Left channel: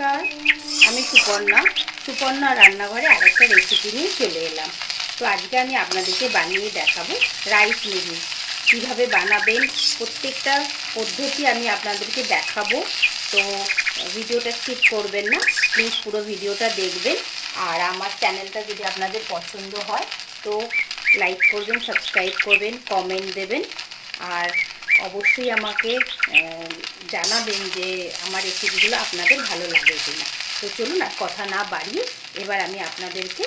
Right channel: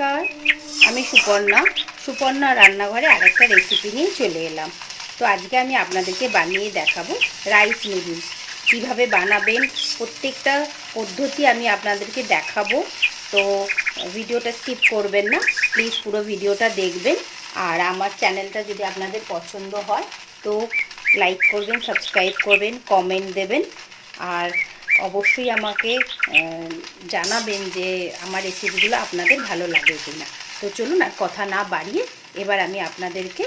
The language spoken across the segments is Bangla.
নমস্কার, আমি সুপর্ণা রান্নাঘরে আরেকটা রেসিপি নিয়ে চলে এলাম। তো আজকে আমি আপনাদেরকে বানিয়ে দেখাবো রাইস নুডলস। কীভাবে বানাবেন প্রত্যেকটা পদ্ধতি আমি আপনাদেরকে দেখাবো। তো ভিডিওটা স্কিপ করবেন না, প্লিজ পুরো ভিডিওটা দেখবেন। আর আমার চ্যানেলটা যদি আপনাদের পছন্দ হয় তো লাইক করবেন, সাবস্ক্রাইব করবেন, কমেন্ট দেবেন। আর অবশ্যই আমাকে জানাবেন যে আমার রেসিপিগুলো আপনাদের ভালো লাগে কিনা। তো চলুন আর কথা না বাড়িয়ে এবার আমি আপনাদেরকে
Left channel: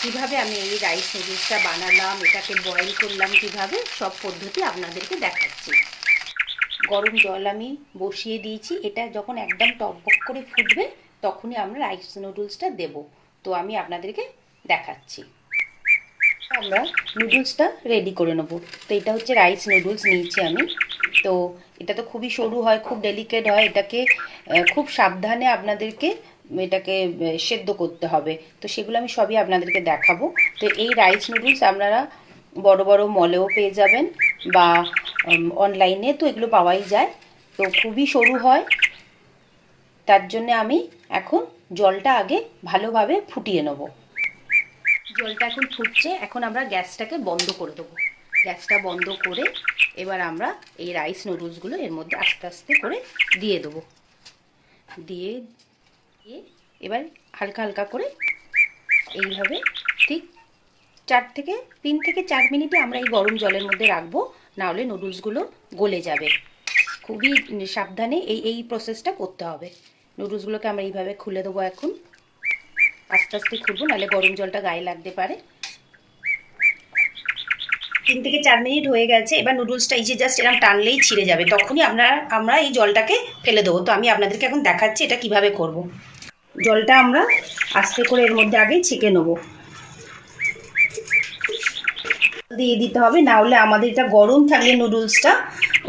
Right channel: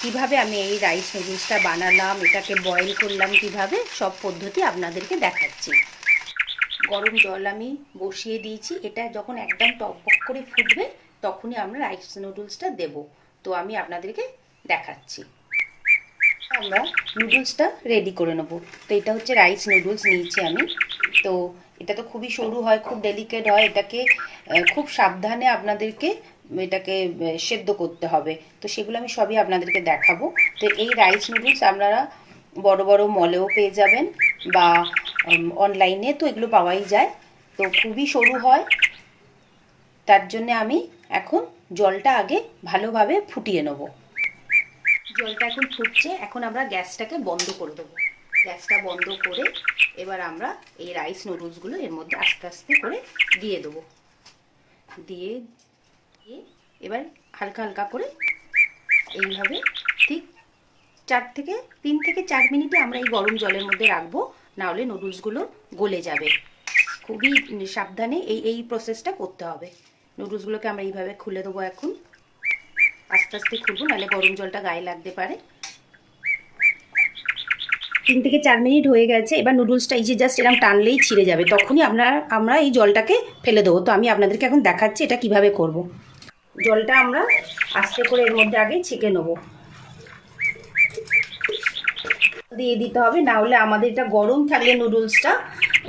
কিভাবে আমি এই রাইস নুডলসটা বানালাম, এটাকে বয়েল করলাম কিভাবে, সব পদ্ধতি আপনাদেরকে দেখাচ্ছি। গরম জল আমি বসিয়ে দিয়েছি, এটা যখন একদম টকবক করে ফুটবে তখনই আমরা রাইস নুডলসটা দেব। তো আমি আপনাদেরকে দেখাচ্ছি। আমরা নুডলসটা রেডি করে নেব। তো এটা হচ্ছে রাইস নুডলস নিয়েছি আমি। তো এটা তো খুবই সরু হয়, খুব ডেলিকেট হয়, এটাকে খুব সাবধানে আপনাদেরকে এটাকে সেদ্ধ করতে হবে। তো সেগুলো আমি সবই আপনাদেরকে দেখাবো। তো এই রাইস নুডলস আপনারা বড় বড় মলেও পেয়ে যাবেন বা অনলাইনে তো এগুলো পাওয়াই যায়। তো খুবই সরু হয়, তার জন্য আমি এখন জলটা আগে ভালোভাবে ফুটিয়ে নেব। জলটা এখন ফুটছে, এখন আমরা গ্যাসটাকে বন্ধ করে দেবো। গ্যাসটা বন্ধ করে এবার আমরা এই রাইস নুডলসগুলো এর মধ্যে আস্তে আস্তে করে দিয়ে দেবো। দিয়ে এবার হালকা হালকা করে এইভাবে ঠিক 3 থেকে 4 মিনিটে আমরা এই গরম জলের মধ্যে রাখবো, নাহলে নুডলসগুলো গলে যাবে। খুবই সাবধানে এই প্রসেসটা করতে হবে। নুডলসগুলোকে আমরা এইভাবে খুলে দেবো। এখন আস্তে আস্তে খুলবো, নাহলে গরম জলটা গায়ে লাগতে পারে। 3 থেকে 4 মিনিট হয়ে গেছে। এবার নুডলসটা এই যে জাস্ট এরকম টানলেই ছিঁড়ে যাবে, তখনই আমরা এই জলটাকে ফেলে দেবো। তো আমি আপনাদেরকে এখন দেখাচ্ছি এটা কিভাবে করব। জলটা আমরা আস্তে করে এর মধ্যে আগে ছেঁকে নেবো, দিয়ে দিতে হবে, না হলে আমাদের এটা গরম থাকলে নুডলসটা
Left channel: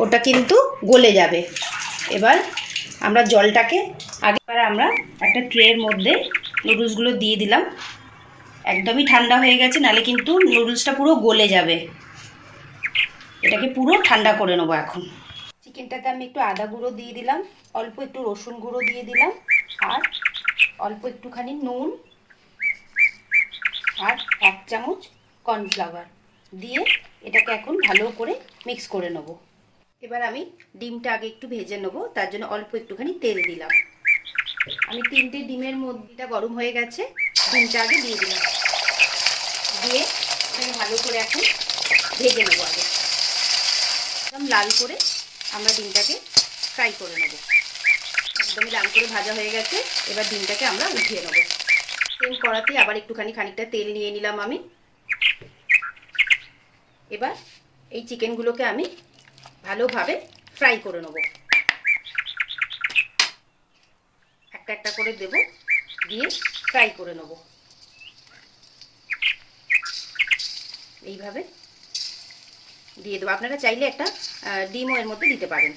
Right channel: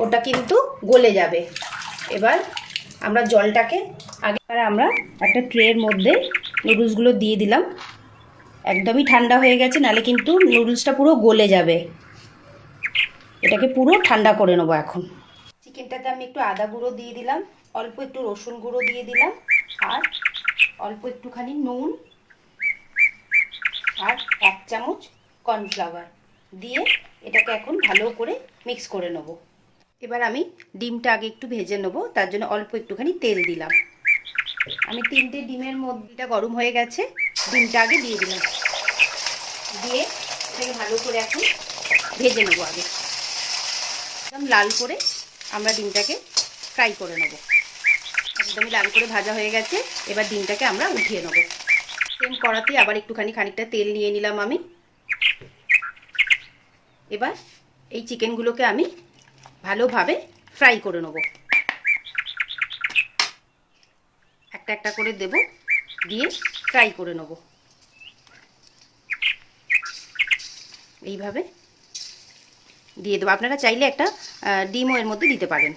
ওটা কিন্তু গলে যাবে। এবার আমরা জলটাকে আমরা একটা ট্রের মধ্যে নুডলসগুলো দিয়ে দিলাম। একদমই ঠান্ডা হয়ে গেছে, নাহলে কিন্তু নুডলসটা পুরো গলে যাবে। এটাকে পুরো ঠান্ডা করে নেবো। এখন চিকেনটাতে আমি একটু আদা গুঁড়ো দিয়ে দিলাম, অল্প একটু রসুন গুঁড়ো দিয়ে দিলাম, আর অল্প একটুখানি নুন, আর 1 চামচ কর্নফ্লাওয়ার দিয়ে এটাকে এখন ভালো করে মিক্স করে নেব। এবার আমি ডিমটা আগে একটু ভেজে নেব, তার জন্য অল্প একটুখানি তেল দিলাম। আমি 3টে ডিমের মধ্যে গরম হয়ে গেছে, ডিমটা আগে দিয়ে দিলাম। দিয়ে এটাকে ভালো করে এখন ভেজে নেব। আগে একদম লাল করে আমরা ডিমটাকে ফ্রাই করে নেব। একদমই লাল করে ভাজা হয়ে গেছে। এবার ডিমটাকে আমরা উঠিয়ে নেব। সেম কড়াতেই আবার খানিকটা তেল নিয়ে নিলাম আমি। এবার এই চিকেনগুলোকে আমি ভালোভাবে ফ্রাই করে নেব। একটা একটা করে দেব, দিয়ে ফ্রাই করে নেব। এইভাবে দিয়ে দেবো। আপনারা চাইলে একটা ডিমও এর মধ্যে দিতে পারেন।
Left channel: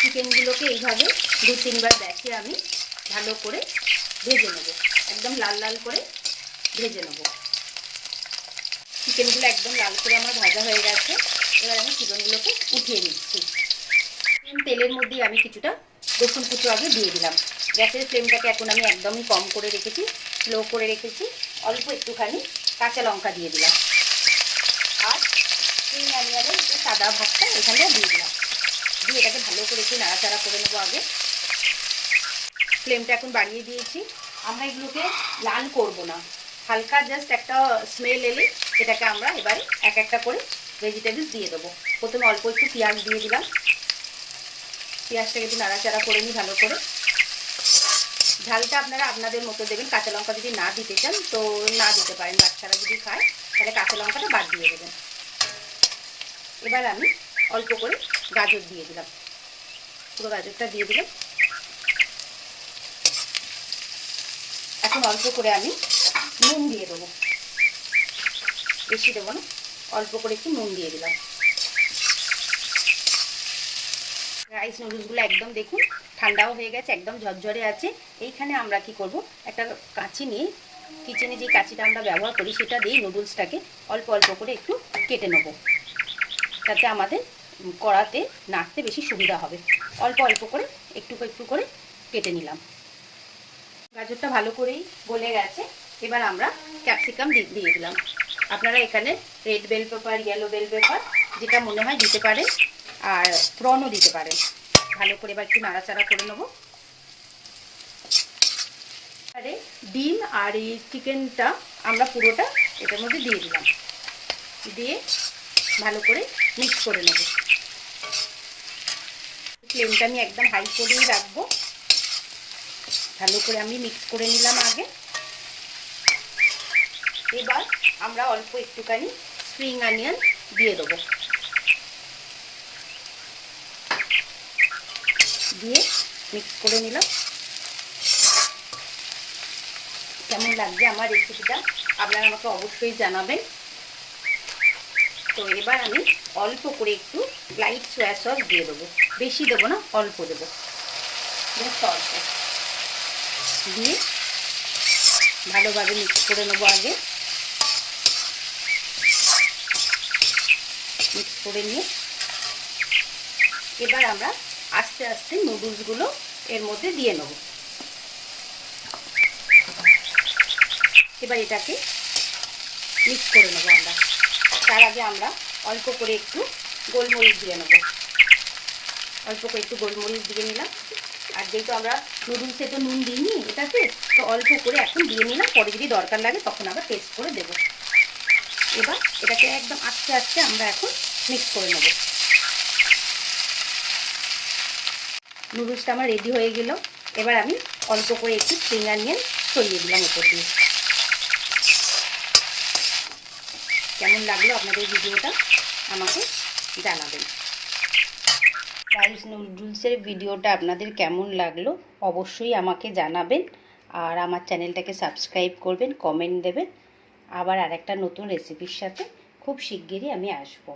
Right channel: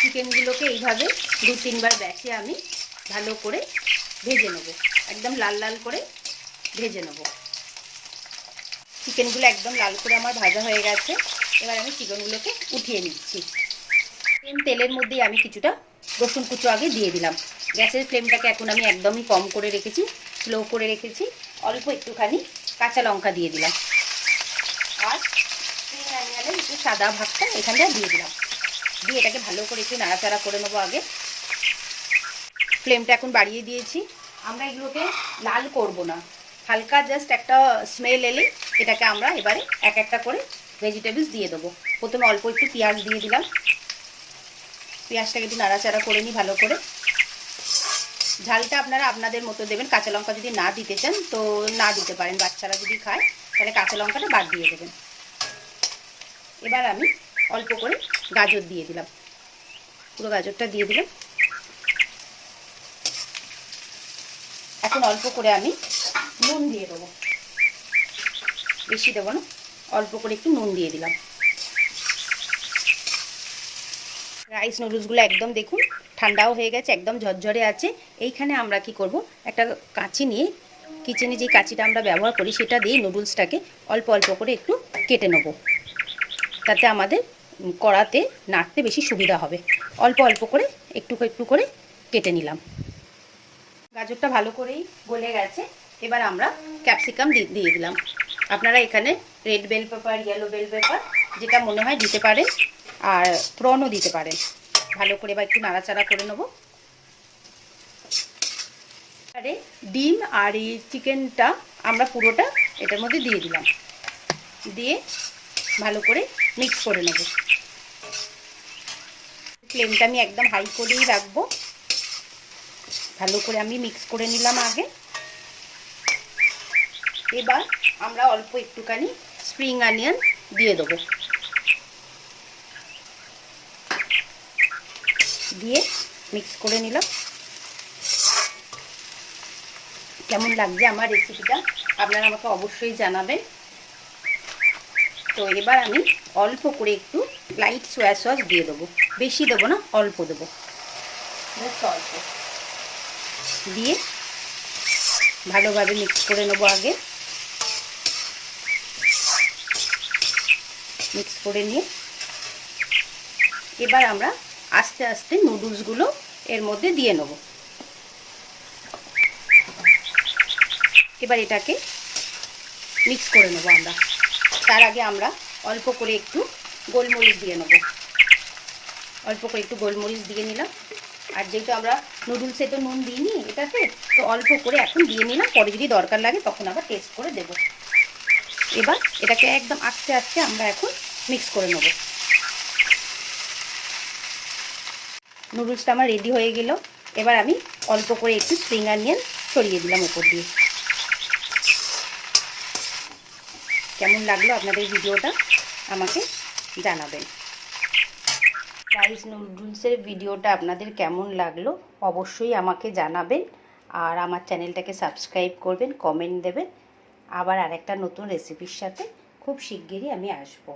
চিকেনগুলোকে এইভাবে 2-3 বার ব্যাচে আমি ভালো করে ভেজে নেব, একদম লাল লাল করে ভেজে নেব। চিকেনগুলো একদম লাল করে আমার ভাজা হয়ে গেছে। এবার আমি চিকেনগুলোকে উঠিয়ে নিচ্ছি। তেলের মধ্যেই আমি কিছুটা রসুন কুচো আগে দিয়ে দিলাম। গ্যাসের ফ্লেমটাকে এখন আমি একদমই কম করে রেখেছি, স্লো করে রেখেছি। অল্প একটুখানি কাঁচা লঙ্কা দিয়ে দিলাম, আর আমি একটু সাদা ভাতটা এখানটা দিয়ে দিলাম। দিয়ে এটাকে ভালো করে একটু নাড়াচাড়া করে নেবো। আগে ফ্লেমটা এখন বাড়িয়ে দিয়েছি। আমরা এগুলোকে লাল করব না, হালকা জাস্ট একটা স্মেল এলে এটাকে আমরা এবারে এক একটা করে ভেজিটেবলস দিয়ে দেবো। প্রথমে অল্প একটু পেঁয়াজ দিয়ে দিলাম। পেঁয়াজটাকে একটু নাড়াচাড়া করে নিই ভালো করে। ঝালটা আপনারা আপনাদের মতো দেবেন। কাঁচা লঙ্কা যদি না দিতে চান তো না দিতে পারেন, বাচ্চারা যদি খায় তাহলে কাঁচা লঙ্কাটা বাদ দিয়ে দেবেন। এবার আমি অল্প করে গাজর দিয়ে দিলাম, পুরো গাজরটা দিয়ে দিলাম। এখন অল্প করে আমি নুন দিয়ে দেবো, বেশি দেবো না, অল্প করে একটু নুন দিয়ে দিলাম। রাইস নুডলসগুলো একদম দেখুন ঠান্ডাও হয়ে গেছে, একদম ঝরঝরে আছে। এইখানে আমরা কি করব, একটা কাঁচি নিয়ে, কিচেনে যে কাঁচিটা আমরা ব্যবহার করি সেটা দিয়ে নুডলসটাকে অল্প অল্প করে একটু কেটে নেব, তাতে আমাদের কড়াতে নাড়তে বেশি সুবিধা হবে। অল্প অল্প করে একটু একটু করে কেটে নিলাম। গাজরটা ভালো করেই গলে গেছে। এবার আমরা ক্যাপসিকাম দিয়ে দিলাম। আপনারা এখানে red bell pepper, yellow bell pepper যেটা মনে হয় দিতে পারেন, আর প্রনও দিতে পারেন। ভালো করে এবার একটু নাড়াচাড়া করে নেবো। এবারে ডিম আর এই চিকেনটা আমরা পুরোটা এটার মধ্যে দিয়ে দিলাম, দিয়ে ভালো করে মিক্স করে নেব। ফ্লেমটা আমি একদম হাই করেই রাখবো। ভালো করে আমি মিক্স করে নিলাম আগে। এবার আমরা অল্প একটুখানি স্প্রিং অনিয়ন দিয়ে দেবো, দিয়ে মিক্স করে নিলাম। কেমন লাগছে আমার রেসিপিটা আপনারা আমাকে অবশ্যই জানাবেন। তো এবার আমি অল্প করে একটু লাইট সোয়া সস দিয়ে দেবো, বেশি দেবো না, অল্প দেবো, জাস্ট অল্প দিয়ে ভালোভাবে মিক্স করে নেবো। আগে মিক্স করে নিয়ে এবার আমরা আস্তে আস্তে নুডলসগুলো এর মধ্যে দিয়ে নেব। এবার এটাকে মিক্স করে নেবো আমরা। তার আগে আমরা অল্প করে একটু গোলমরিচ দিয়ে নেব, অল্প করে একটু গোলমরিচ দিয়ে নিলাম। আর যেহেতু আমরা নুডলসে তো নুন দিইনি এটাতে, তো অল্প করে এখন দিয়ে নিলাম, পরে যদি দরকার লাগে তখন আবার টেস্ট করে দেব। এবার এটাকে একদম আস্তে আস্তে আমরা এখন মিক্স করে নেব। নুডলসটা আমার রেডি হয়ে গেল। এবার আমি অল্প করে একটু স্প্রিং অনিয়ন ছড়িয়ে দিলাম উপর দিয়ে। কেমন লাগলো আপনাদের ভিডিওটা আমাকে জানাবেন। রাইস নুডলসের ভিডিওটা আপনাদের কেমন লাগলো অবশ্যই আমাকে জানাবেন। আর আমার চ্যানেলটাকে সাবস্ক্রাইব করবেন, কমেন্ট দেবেন। আবার আরেকটা নতুন রেসিপির সাথে খুব শিগগিরই আমি আসবো।